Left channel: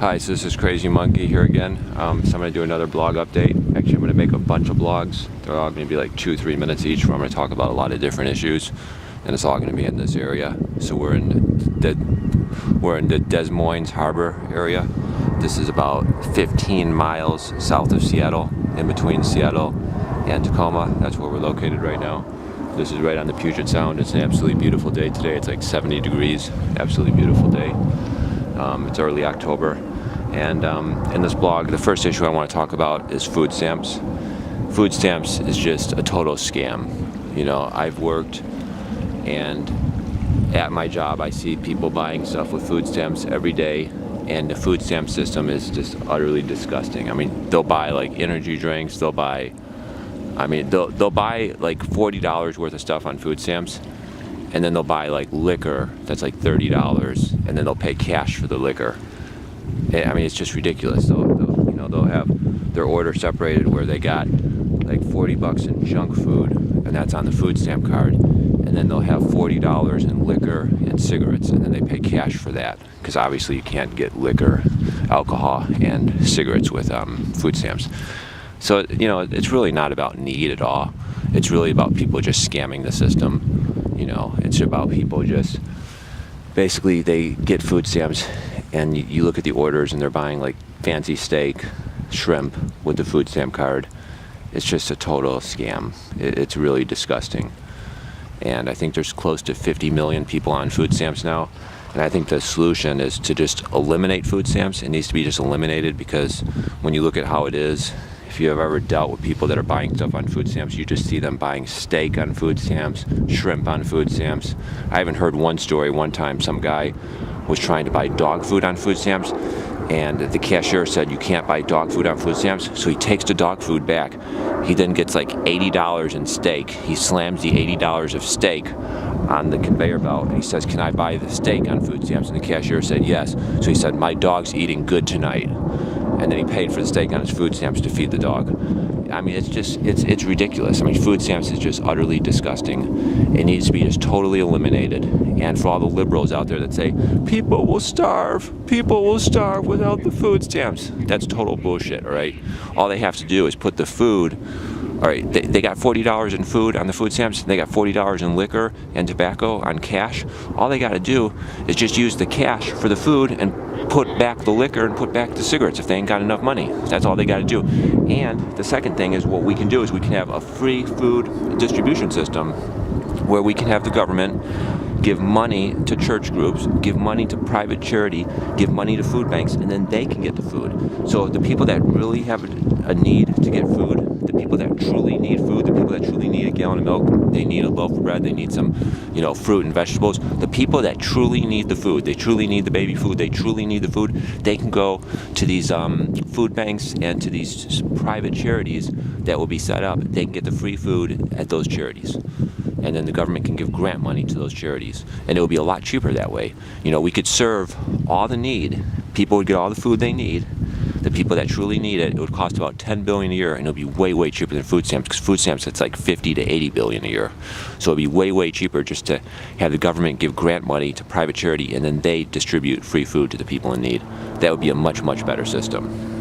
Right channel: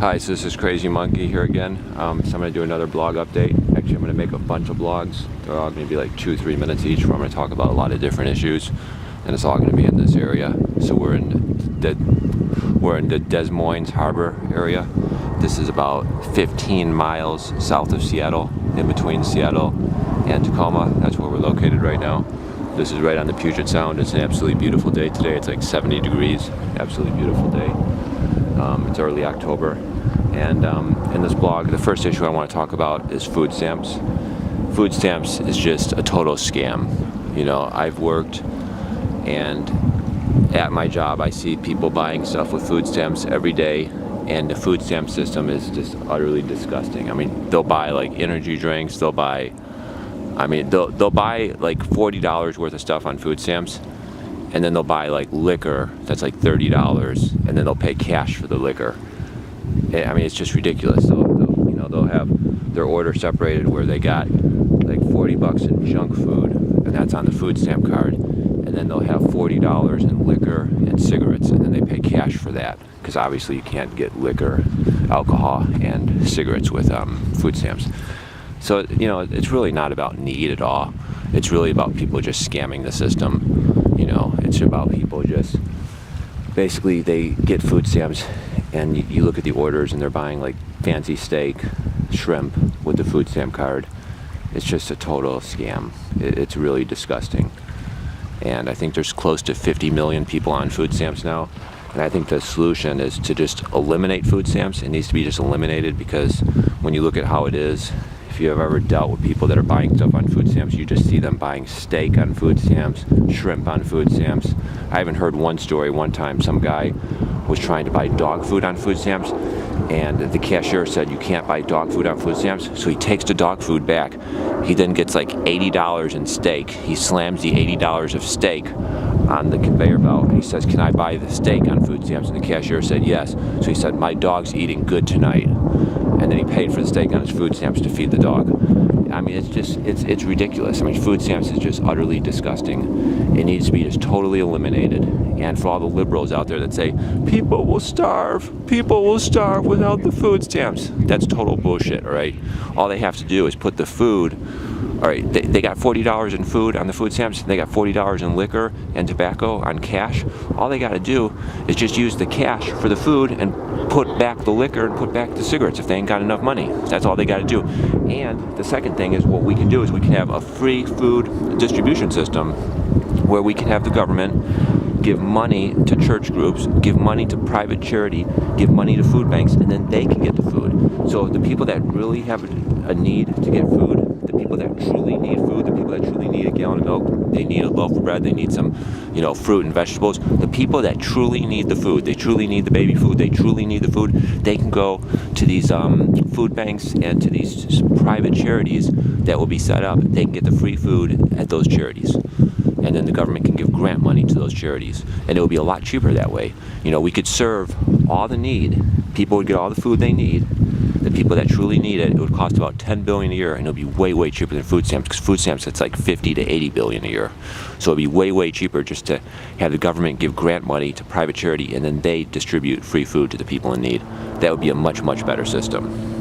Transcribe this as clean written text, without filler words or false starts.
Hi, so this is Crazy Monkey here again. So I'm going to do another blog update. Actually, I'm going to make a bunch of blogs. They're all going to be like 2-3 minutes each, where I'm going to talk about a lot of different issues, and it's all going to be in this area. So we're in the Des Moines Harbor area. This is about 15 miles south of Seattle, in between Seattle and Tacoma. That's where we're located right now. This is right on the Puget Sound. It's an absolutely beautiful day today. It's like 70 degrees. Absolutely beautiful day. It's early October, and in this blog, the first issue I want to talk about is food stamps. Food stamps is just a total scam. You know, I've worked, and at my job, I see people buying stuff with food stamps every day, and the food stamp system is just utterly disgusting. I mean, they'll buy like energy drinks, they'll buy like $40 worth of stuff on food stamps. And then they'll buy like liquor that's like $30, and then they'll pay cash for the liquor. I mean, it's just ridiculous. They'll have their order separated where they got like $40 in junk food, and that's on the food stamp card. And then they'll have $40 in liquor and cigarettes, and then they pay cash for that, because obviously you can't get liquor, alcohol, and cigarettes with food stamps. So, you know, it's really not about need at all. It's really about people just scamming the system. You know, it's about people just, basically they get food stamps, and you look at the orders and they're buying like fancy steak, shrimp with the food stamp card. It's just a total scam. It's really disgusting. And I think there's close to 50 million people on food stamps now. And I think the solution is to just eliminate food stamps. It needs to be just eliminated, because when you look at how it is, if you have ever dealt with people that are buying stuff on food stamps, you just see them buying steak on food stamps, shrimp on food stamps. I haven't heard one story. One time some guy was trying to buy dog food on food stamps, and the cashier said you can't buy dog food on food stamps, so he takes the dog food back. He then gets like $80 in steak. He slams the $80 of steak on the conveyor belt, and he says, "Can I buy the steak on food stamps?" And the cashier said yes. So he said, "My dog's eating good tonight." And then he paid for the steak on his food stamps to feed the dog. I mean, it's ridiculous. I mean, food stamps is just utterly disgusting. It needs to be just totally eliminated. And for all the liberals out there that say, people will starve without the food stamps, that's total bullshit, all right? All they have to do is put the food, all right, they got $40 in food on the food stamps, they got $40 in liquor and tobacco on cash. All they got to do is just use the cash for the food and put back the liquor and put back the cigarettes if they ain't got enough money. That's all they got to do. And the second thing is, what we can do is we can have a free food distribution system where we can have the government give money to church groups, give money to private charity, give money to food banks, and then they can get the food. So the people that really have a need to get food, the people that truly need food, the people that truly need a gallon of milk, they need a loaf of bread, they need some, you know, fruit and vegetables. The people that truly need the food, they truly need the baby food, they truly need the food, they can go to these food banks and to these private charities that will be set up. They can get the free food at those charities. And then the government can give grant money to those charities. And it will be a lot cheaper that way. You know, we could serve all the need. People would get all the food they need. The people that truly need it, it would cost about $10 billion a year, and it'll be way, way cheaper than food stamps, because food stamps, it's like $50 to $80 billion a year. So it'll be way, way cheaper just to have the government give grant money to private charity, and then they distribute free food to the people in need. That would be a much, much better system.